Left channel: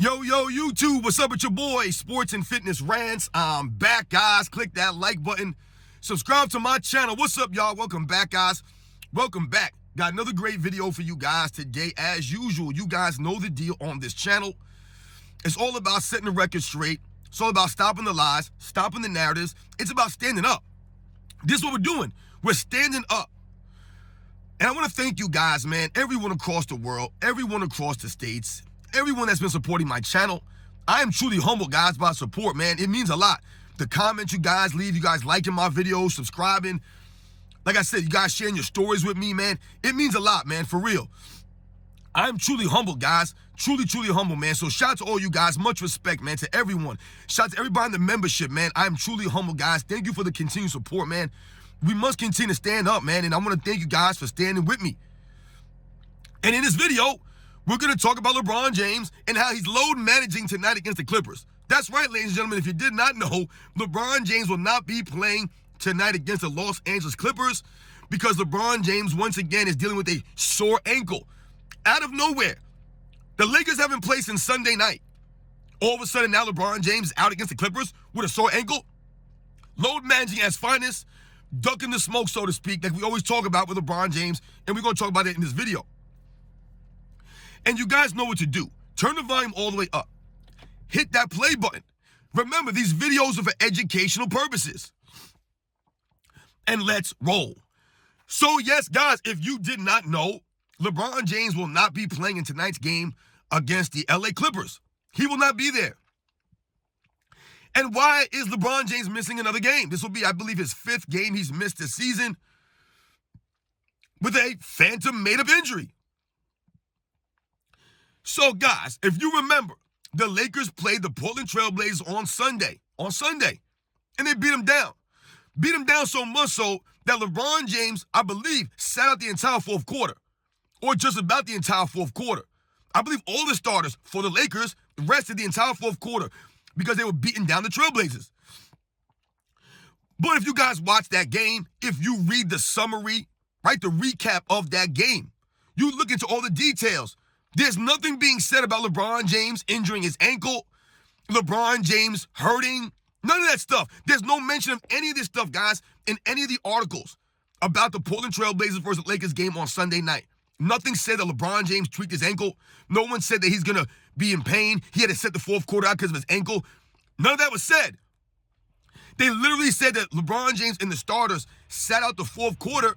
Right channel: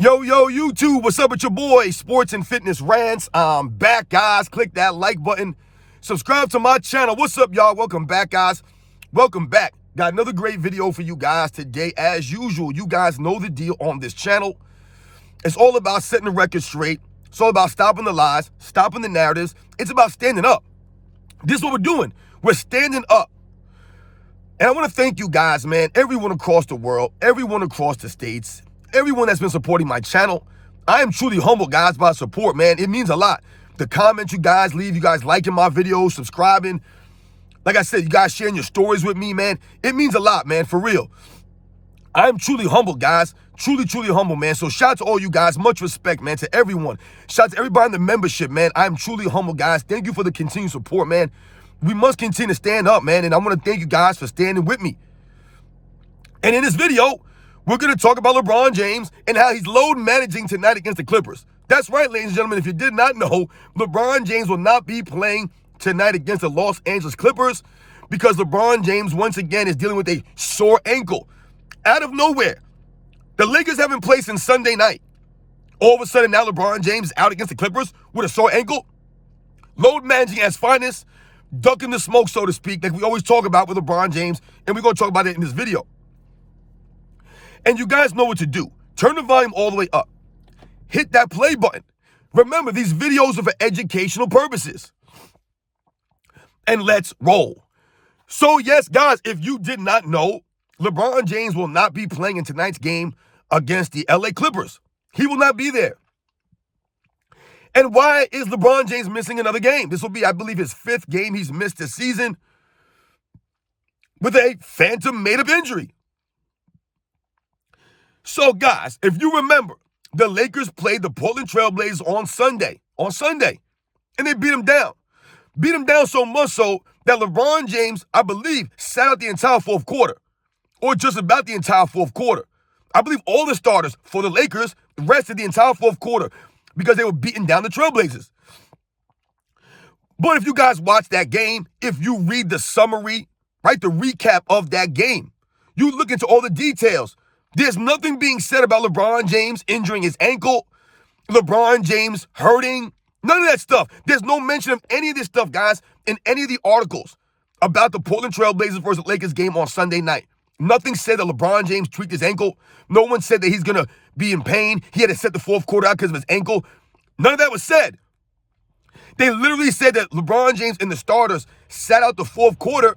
Yo, YouTube, what's up with your boy, Sports and Fitness Rants? I'm back, guys. Click that like button. Subscribe to my channel. What's up, y'all? Welcome back, guys. Welcome back. Got another great video for you guys today. As usual, you guys know the deal on this channel. It's all about setting the record straight. It's all about stopping the lies, stopping the narratives. It's about standing up. This is what we're doing. We're standing up. And I want to thank you guys, man, everyone across the world, everyone across the states, everyone that's been supporting my channel. I am truly humbled, guys, by support, man. It means a lot. The comments you guys leave, you guys liking my videos, subscribing. Like I said, you guys sharing your stories with me, man. It means a lot, man, for real. I'm truly humbled, guys. Truly humble, man. So shout out to all you guys. Much respect, man, to everyone. Shout out to everybody in the membership, man. I'm truly humble, guys. Thank you for the continued support, man. We must continue to stand up, man. And I want to thank you guys for standing with me. And in this video, we're going to talk about LeBron James and how he's load managing tonight against the Clippers. That's right, ladies and gentlemen. If you did not know, LeBron James will not be playing tonight against the Los Angeles Clippers because LeBron James, once again, is dealing with a sore ankle. Out of nowhere, the Lakers haven't played since Sunday night. All of a sudden, now LeBron James is out against the Clippers with a sore ankle. Load managing as finest, ducking the smoke, so to speak, like we always talk about with LeBron James, and we're going to talk about it in this video. And you guys know what to do. Turn the volume all the way up. Hit that play button. Remember, these videos are for educational purposes. And let's roll. So yes, guys, if you did not know, LeBron James will not be playing in tonight's game against the LA Clippers. He will not be there. And why is LeBron James missing another game? This will be, I believe, his 5th game he's missed this season with a phantom made-up injury. So, guys, if you remember, the Lakers played the Portland Trail Blazers on Sunday, and they beat them down. Beat them down so much so that LeBron James, I believe, sat out the entire fourth quarter, or just about the entire fourth quarter. I believe all the starters for the Lakers rested the entire fourth quarter because they were beating down the Trailblazers. But if you guys watch that game, if you read the summary, right, the recap of that game, you look into all the details. There's nothing being said about LeBron James injuring his ankle, LeBron James hurting, none of that stuff. There's no mention of any of this stuff, guys, in any of the articles about the Portland Trail Blazers versus Lakers game on Sunday night. Nothing said that LeBron James tweaked his ankle. No one said that he's going to be in pain. He had to set the fourth quarter out because of his ankle. None of that was said. They literally said that LeBron James and the starters sat out the fourth quarter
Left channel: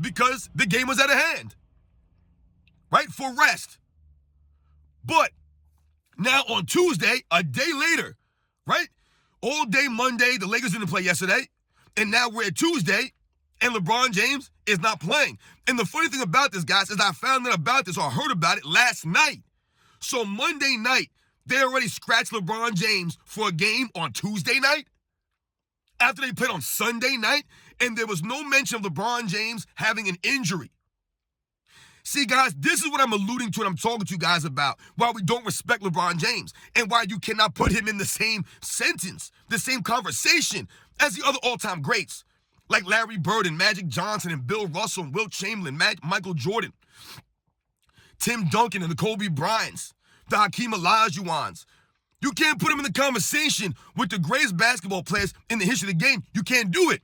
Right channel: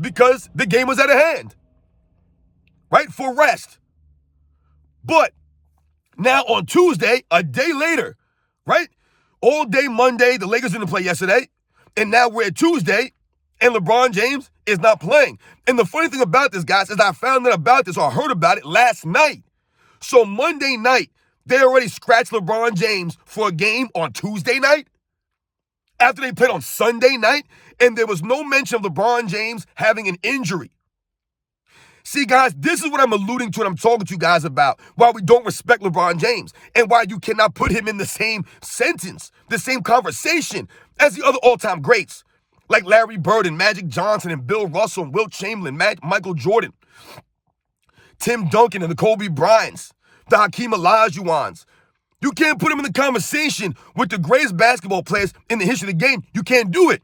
because the game was out of hand, right, for rest. But now on Tuesday, a day later, right, all day Monday, the Lakers didn't play yesterday, and now we're at Tuesday, and LeBron James is not playing. And the funny thing about this, guys, is I found out about this or heard about it last night. So Monday night, they already scratched LeBron James for a game on Tuesday night after they played on Sunday night, and there was no mention of LeBron James having an injury. See, guys, this is what I'm alluding to and I'm talking to you guys about, why we don't respect LeBron James and why you cannot put him in the same sentence, the same conversation as the other all-time greats, like Larry Bird and Magic Johnson and Bill Russell and Wilt Chamberlain, Michael Jordan, Tim Duncan and the Kobe Bryants, the Hakeem Olajuwons. You can't put him in the conversation with the greatest basketball players in the history of the game. You can't do it.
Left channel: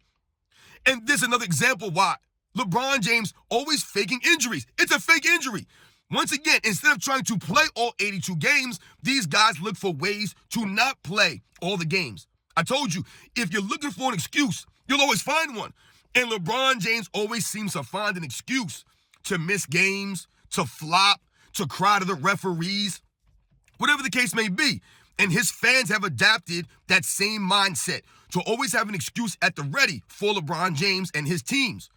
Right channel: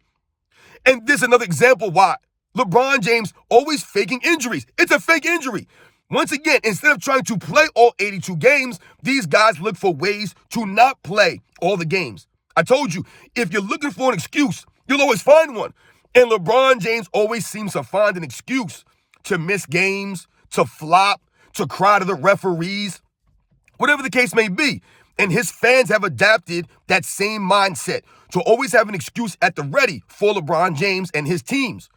And this is another example why LeBron James always faking injuries. It's a fake injury. Once again, instead of trying to play all 82 games, these guys look for ways to not play all the games. I told you, if you're looking for an excuse, you'll always find one. And LeBron James always seems to find an excuse to miss games, to flop, to cry to the referees, whatever the case may be. And his fans have adapted that same mindset to always have an excuse at the ready for LeBron James and his teams.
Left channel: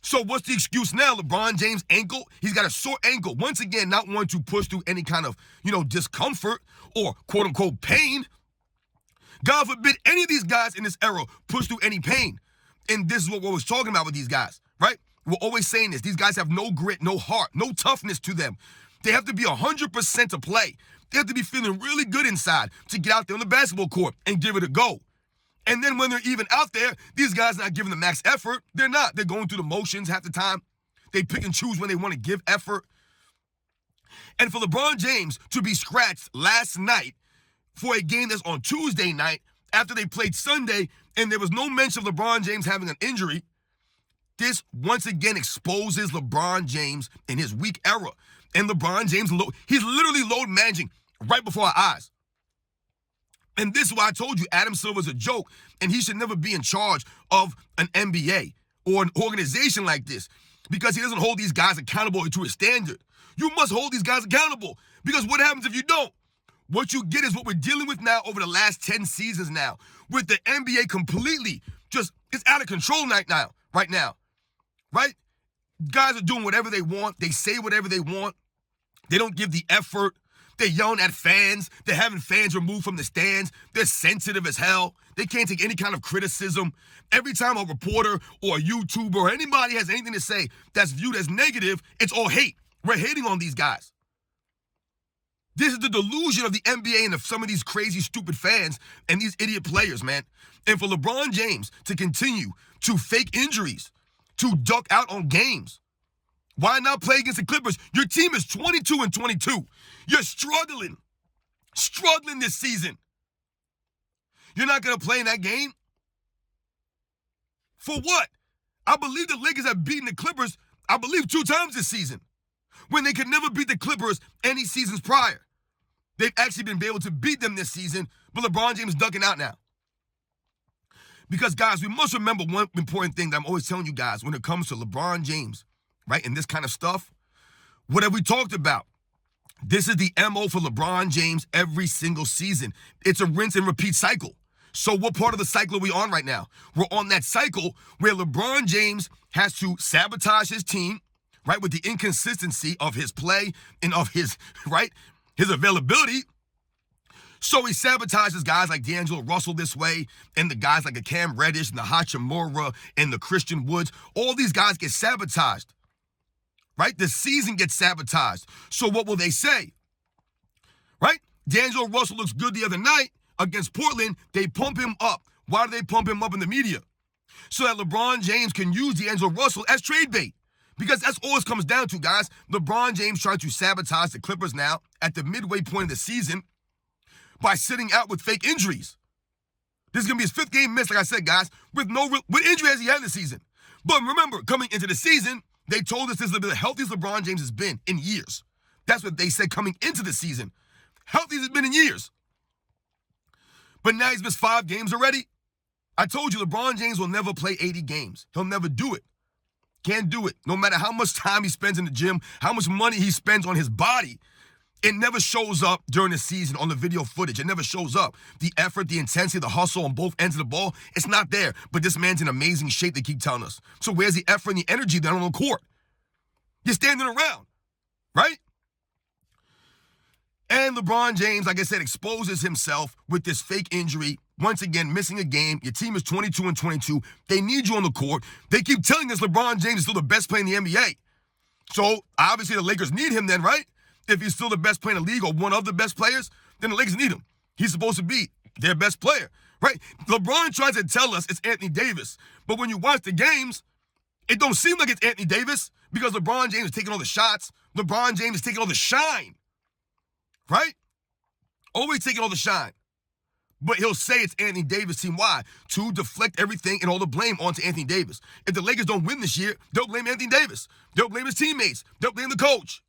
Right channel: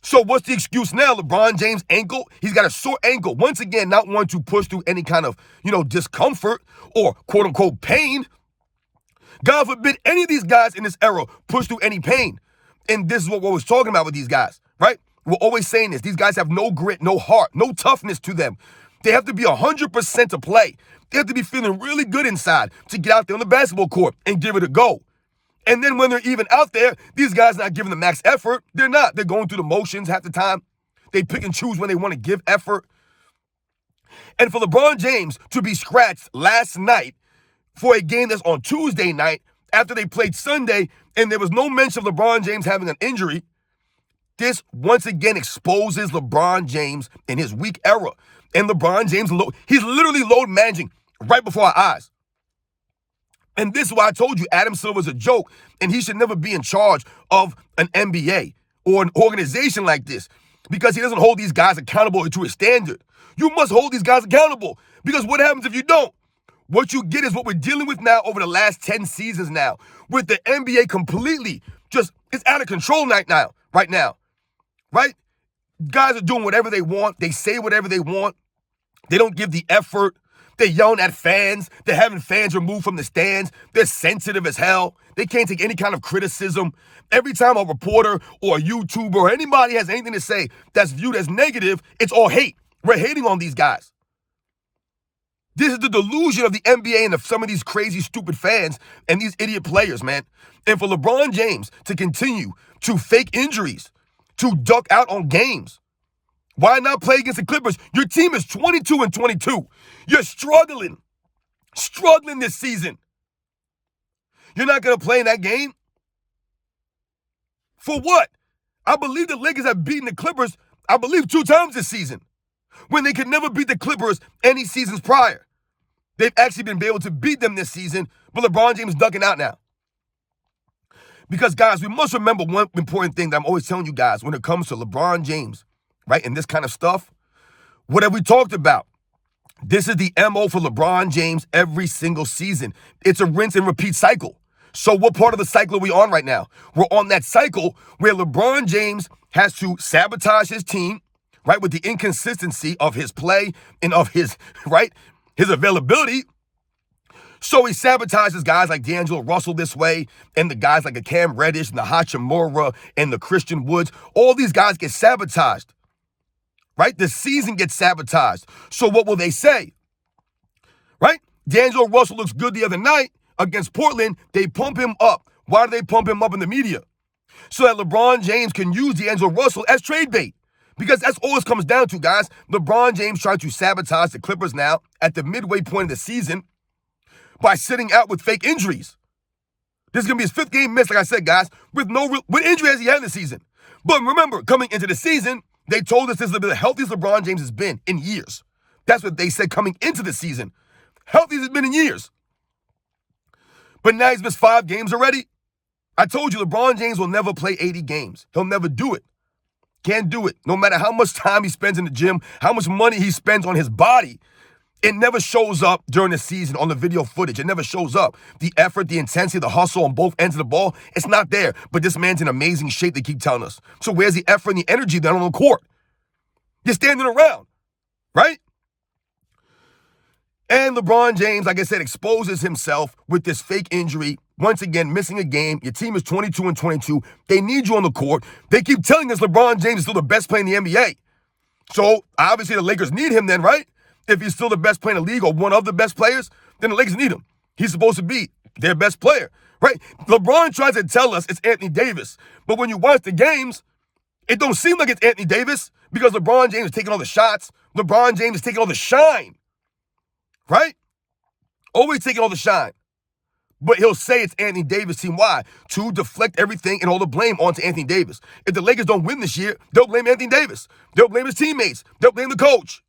So what's the excuse now? LeBron James' ankle, he's got a sore ankle. Once again, not wanting to push through any kind of, discomfort or quote-unquote pain. God forbid any of these guys in this era push through any pain. And this is what we're always talking about with these guys, right? We're always saying this. These guys have no grit, no heart, no toughness to them. They have to be 100% to play. They have to be feeling really good inside to get out there on the basketball court and give it a go. And then when they're even out there, these guys not giving the max effort. They're not. They're going through the motions half the time. They pick and choose when they want to give effort. And for LeBron James to be scratched last night for a game that's on Tuesday night after they played Sunday and there was no mention of LeBron James having an injury, this once again exposes LeBron James in his weak era. And LeBron James, he's literally load managing right before our eyes. And this is why I told you Adam Silver's a joke and he should never be in charge of an NBA or an organization like this because he doesn't hold these guys accountable to a standard. You must hold these guys accountable because what happens if you don't? What you get is what we're dealing with now over the last 10 seasons now with the NBA completely just, it's out of control right now, right? Guys are doing whatever they want. They say whatever they want. They don't give the effort. They're yelling at fans. They're having fans removed from the stands. They're sensitive as hell. They can't take any kind of criticism. Every time a reporter or a YouTuber or anybody has anything to say that's viewed as negative, it's all hate. We're hating on these guys. This is the delusion of the NBA and of some of these crazy, stupid fans and these idiot players, man. And for LeBron James to continue to fake injuries, to duck out on games, why not play against the Clippers? Your team is 22-22. You're struggling this season. You're not going to play in that game? For what? I believe the Lakers have beaten the Clippers, 2 times this season, when they could never beat the Clippers any seasons prior. They've actually been able to beat them this season, but LeBron James is ducking out now. Because, guys, we must remember one important thing that I'm always telling you guys when it comes to LeBron James, right, and this kind of stuff. What have we talked about? This is the MO for LeBron James every single season. It's a rinse and repeat cycle. So what part of the cycle are we on right now? We're on that cycle where LeBron James has to sabotage his team, right, with the inconsistency of his play and of his, right, his availability. So he sabotages guys like D'Angelo Russell this way, and the guys like a Cam Reddish and the Hachimura and the Christian Woods. All these guys get sabotaged, right? The season gets sabotaged. So what will they say, right? D'Angelo Russell looks good the other night against Portland. They pump him up. Why do they pump him up in the media? So that LeBron James can use D'Angelo Russell as trade bait. Because that's all it comes down to, guys. LeBron James trying to sabotage the Clippers now at the midway point of the season by sitting out with fake injuries. This is going to be his 5th game missed, like I said, guys, with what injury has he had in the season? But remember, coming into the season, they told us this is the healthiest LeBron James has been in years. That's what they said coming into the season. Healthiest has been in years. But now he's missed 5 games already. I told you, LeBron James will never play 80 games. He'll never do it. Can't do it. No matter how much time he spends in the gym, how much money he spends on his body, it never shows up during the season on the video footage. It never shows up. The effort, the intensity, the hustle on both ends of the ball, it's not there. But this man's in amazing shape, they keep telling us. So where's the effort and the energy then on the court? You're standing around, right? And LeBron James, like I said, exposes himself with this fake injury. Once again, missing a game. Your team is 22-22. They need you on the court. They keep telling us LeBron James is still the best player in the NBA. So, obviously, the Lakers need him then, right? If he's still the best player in the league or one of the best players, then the Lakers need him. He's supposed to be their best player, right? LeBron tries to tell us it's Anthony Davis. But when you watch the games, it don't seem like it's Anthony Davis because LeBron James is taking all the shots. LeBron James is taking all the shine, right? Always taking all the shine. But he'll say it's Anthony Davis' team. Why? To deflect everything and all the blame onto Anthony Davis. If the Lakers don't win this year, they'll blame Anthony Davis. They'll blame his teammates. They'll blame the coach.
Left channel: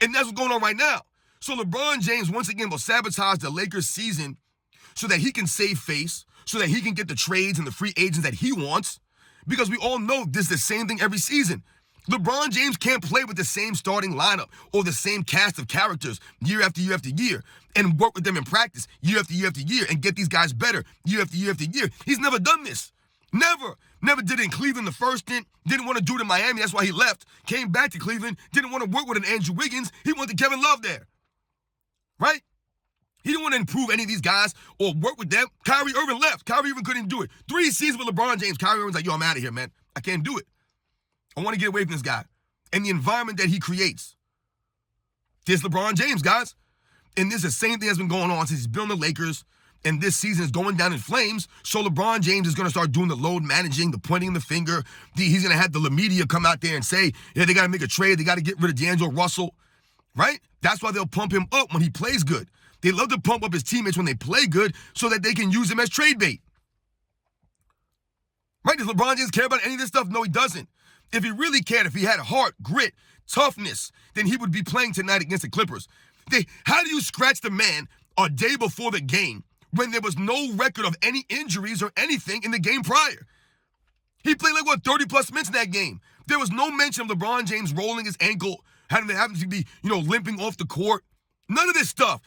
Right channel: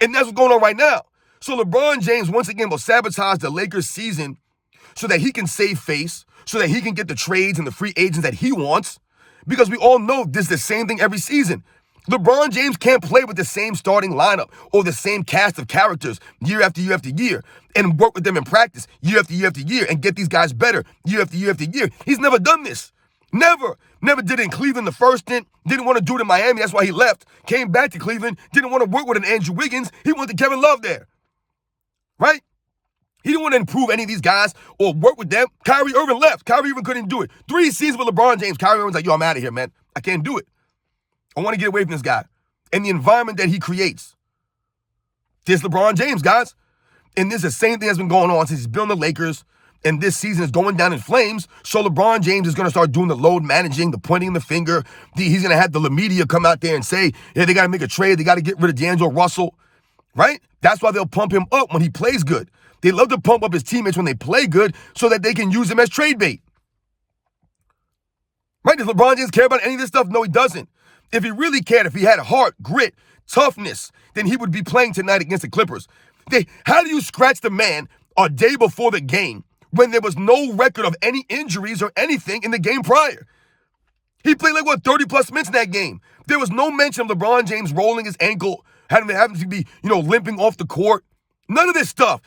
And that's what's going on right now. So LeBron James, once again, will sabotage the Lakers season so that he can save face, so that he can get the trades and the free agents that he wants. Because we all know this is the same thing every season. LeBron James can't play with the same starting lineup or the same cast of characters year after year after year and work with them in practice year after year after year and get these guys better year after year after year. He's never done this. Never. Never did it in Cleveland the first stint. Didn't want to do it in Miami. That's why he left. Came back to Cleveland. Didn't want to work with an Andrew Wiggins. He went to Kevin Love there. Right? He didn't want to improve any of these guys or work with them. Kyrie Irving left. Kyrie Irving couldn't do it. 3 seasons with LeBron James. Kyrie Irving's like, yo, I'm out of here, man. I can't do it. I want to get away from this guy and the environment that he creates. This LeBron James, guys. And this is the same thing that's been going on since he's been on the Lakers. And this season is going down in flames. So LeBron James is going to start doing the load managing, the pointing the finger. He's going to have the media come out there and say, yeah, they got to make a trade. They got to get rid of D'Angelo Russell. Right? That's why they'll pump him up when he plays good. They love to pump up his teammates when they play good so that they can use him as trade bait. Right? Does LeBron James care about any of this stuff? No, he doesn't. If he really cared, if he had heart, grit, toughness, then he would be playing tonight against the Clippers. How do you scratch the man a day before the game when there was no record of any injuries or anything in the game prior? He played 30-plus minutes in that game. There was no mention of LeBron James rolling his ankle, having to be, limping off the court. None of this stuff.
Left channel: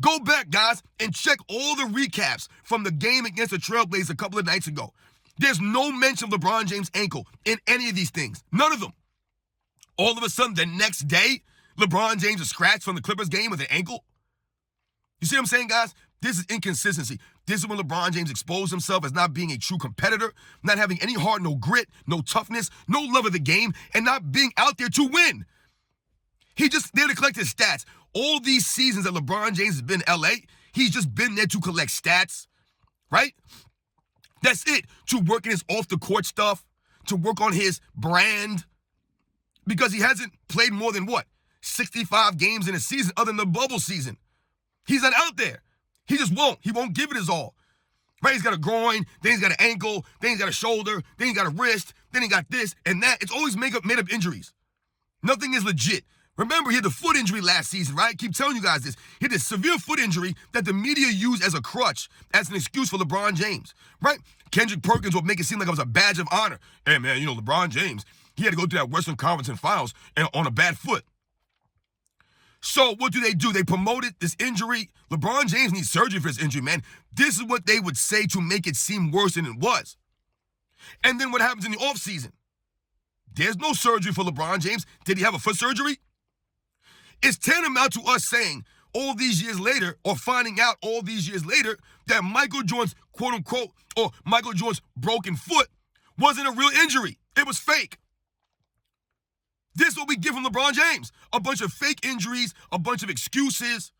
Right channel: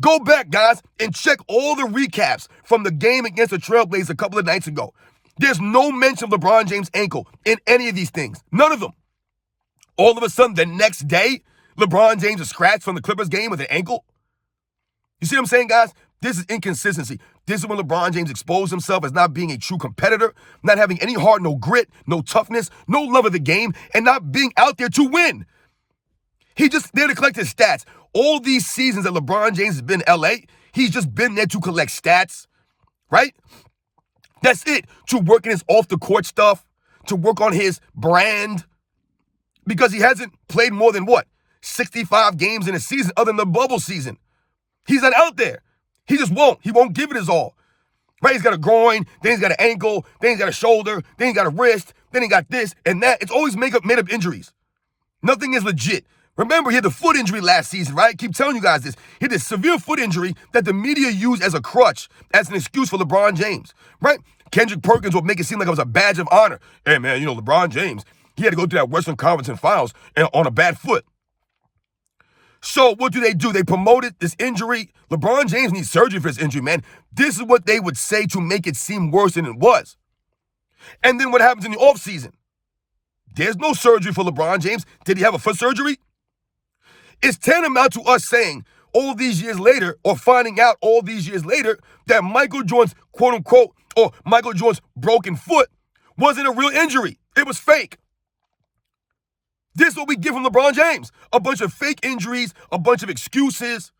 Go back, guys, and check all the recaps from the game against the Trailblazers a couple of nights ago. There's no mention of LeBron James' ankle in any of these things. None of them. All of a sudden, the next day, LeBron James is scratched from the Clippers game with an ankle. You see what I'm saying, guys? This is inconsistency. This is when LeBron James exposed himself as not being a true competitor, not having any heart, no grit, no toughness, no love of the game, and not being out there to win. He just there to collect his stats. All these seasons that LeBron James has been in LA, he's just been there to collect stats, right? That's it. To work in his off-the-court stuff, to work on his brand, because he hasn't played more than, 65 games in a season other than the bubble season. He's not out there. He just won't. He won't give it his all. Right? He's got a groin, then he's got an ankle, then he's got a shoulder, then he's got a wrist, then he got this and that. It's always made up injuries. Nothing is legit. Remember, he had the foot injury last season, right? I keep telling you guys this. He had this severe foot injury that the media used as a crutch, as an excuse for LeBron James, right? Kendrick Perkins would make it seem like it was a badge of honor. Hey, man, LeBron James, he had to go through that Western Conference and Finals on a bad foot. So what do? They promoted this injury. LeBron James needs surgery for his injury, man. This is what they would say to make it seem worse than it was. And then what happens in the offseason? There's no surgery for LeBron James. Did he have a foot surgery? It's tantamount to us saying all these years later, or finding out all these years later, that Michael Jordan's quote-unquote, or Michael Jordan's broken foot wasn't a real injury. It was fake. This is what we get from LeBron James. A bunch of fake injuries, a bunch of excuses,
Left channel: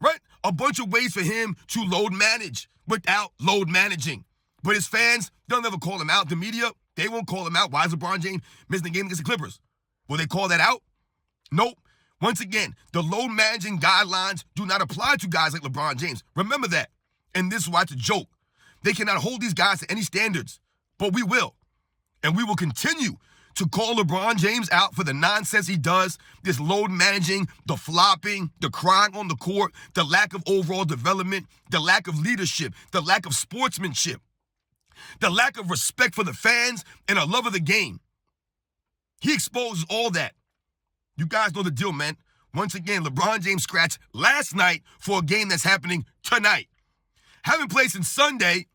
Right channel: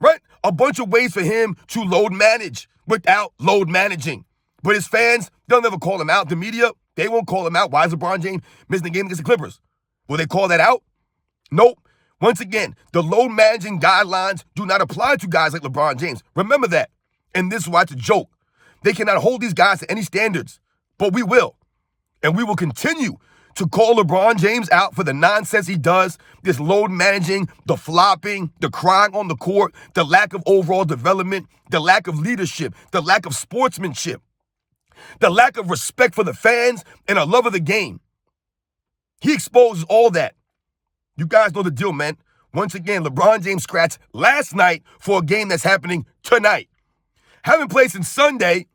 right? A bunch of ways for him to load manage without load managing. But his fans, they'll never call him out. The media, they won't call him out. Why is LeBron James missing the game against the Clippers? Will they call that out? Nope. Once again, the load managing guidelines do not apply to guys like LeBron James. Remember that. And this is why it's a joke. They cannot hold these guys to any standards. But we will. And we will continue to call LeBron James out for the nonsense he does, this load managing, the flopping, the crying on the court, the lack of overall development, the lack of leadership, the lack of sportsmanship, the lack of respect for the fans and a love of the game. He exposes all that. You guys know the deal, man. Once again, LeBron James scratched last night for a game that's happening tonight. Haven't played since Sunday.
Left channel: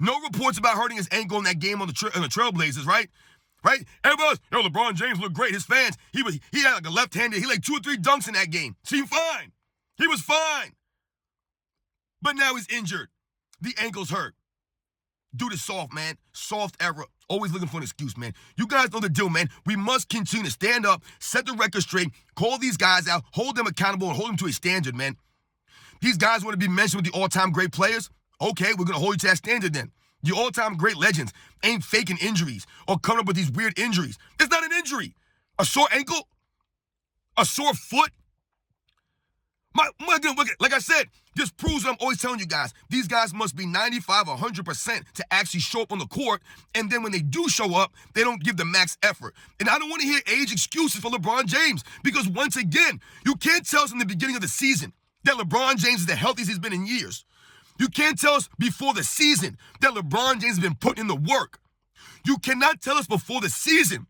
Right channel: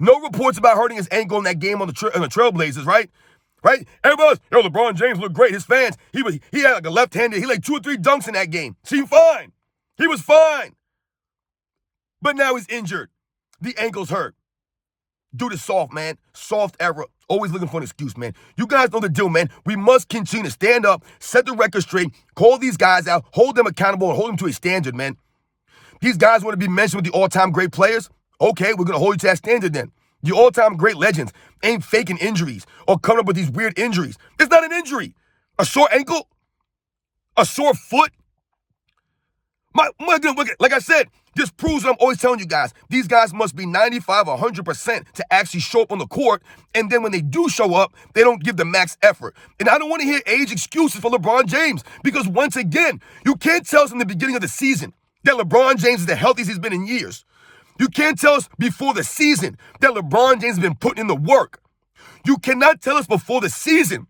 No reports about hurting his ankle in that game on the Trailblazers, right? Right? Everybody's, LeBron James looked great. His fans, he had like a left-handed, he like 2 or 3 dunks in that game. Seemed fine. He was fine. But now he's injured. The ankle's hurt. Dude is soft, man. Soft era. Always looking for an excuse, man. You guys know the deal, man. We must continue to stand up, set the record straight, call these guys out, hold them accountable, and hold them to a standard, man. These guys want to be mentioned with the all-time great players? Okay, we're going to hold you to that standard then. The all-time great legends ain't faking injuries or coming up with these weird injuries. It's not an injury. A sore ankle? A sore foot? My goodness, like I said, this proves what I'm always telling you guys. These guys must be 95 or 100% to actually show up on the court. And then when they do show up, they don't give the max effort. And I don't want to hear age excuses for LeBron James because once again, you can't tell us in the beginning of the season that LeBron James is the healthiest he's been in years. You can't tell us before the season that LeBron James has been putting in the work. You cannot tell us before the season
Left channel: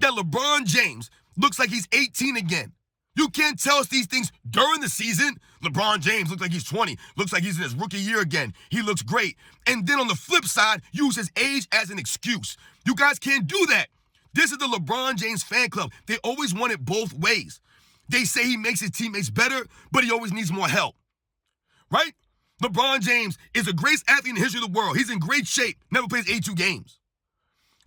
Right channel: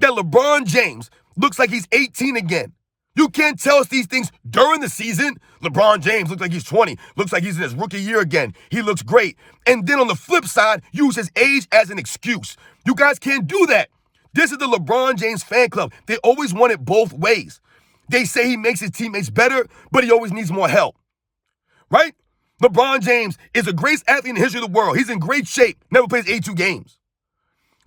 that LeBron James looks like he's 18 again. You can't tell us these things during the season. LeBron James looks like he's 20, looks like he's in his rookie year again. He looks great. And then on the flip side, use his age as an excuse. You guys can't do that. This is the LeBron James fan club. They always want it both ways. They say he makes his teammates better, but he always needs more help. Right? LeBron James is the greatest athlete in the history of the world. He's in great shape, never plays 82 games.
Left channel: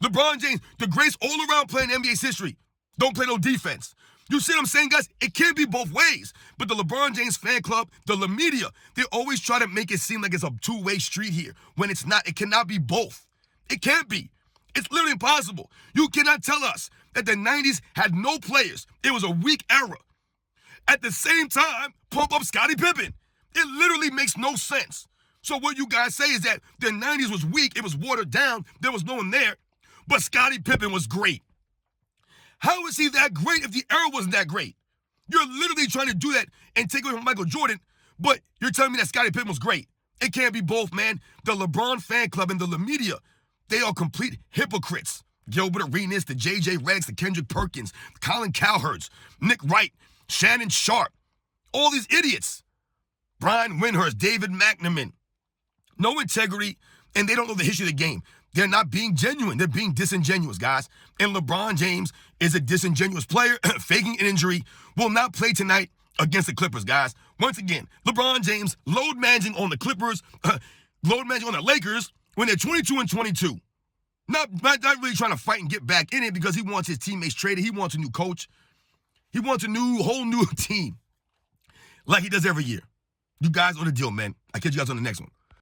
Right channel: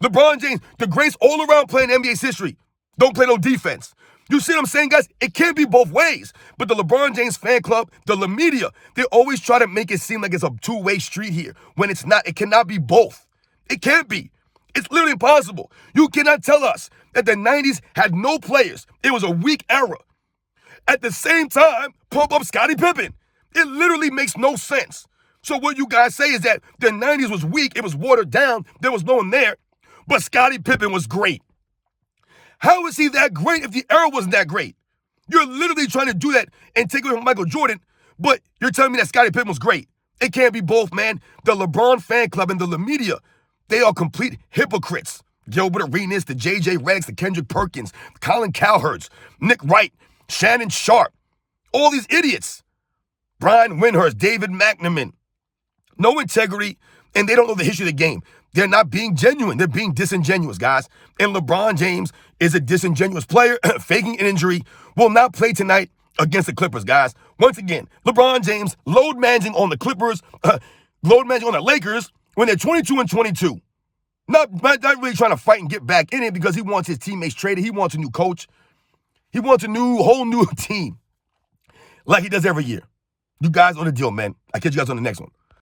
LeBron James, the greatest all-around player in NBA's history, don't play no defense. You see what I'm saying, guys? It can't be both ways. But the LeBron James fan club, the media, they always try to make it seem like it's a two-way street here when it's not. It cannot be both. It can't be. It's literally impossible. You cannot tell us that the 90s had no players. It was a weak era. At the same time, pump up Scottie Pippen. It literally makes no sense. So what you guys say is that the 90s was weak, it was watered down, there was no one there, but Scottie Pippen was great. How is he that great if the era wasn't that great? You're literally trying to do that and take away from Michael Jordan, but you're telling me that Scottie Pippen was great. It can't be both, man. The LeBron fan club and the media, they are complete hypocrites. Gilbert Arenas, the J.J. Redick, the Kendrick Perkins, Colin Cowherds, Nick Wright, Shannon Sharp, all these idiots. Brian Windhurst, David McNamara. No integrity, and they don't know the history of the game. They're not being genuine. They're being disingenuous, guys. And LeBron James is a disingenuous player, faking an injury, will not play tonight against the Clippers, guys. Once again, LeBron James load managing on the Clippers, load managing on the Lakers when they're 22-22. Not really trying to fight and get back in it because he wants his teammates traded. He wants a new coach. He wants a whole new team like he does every year. You guys on the deal, man. I'll catch you guys on the next one.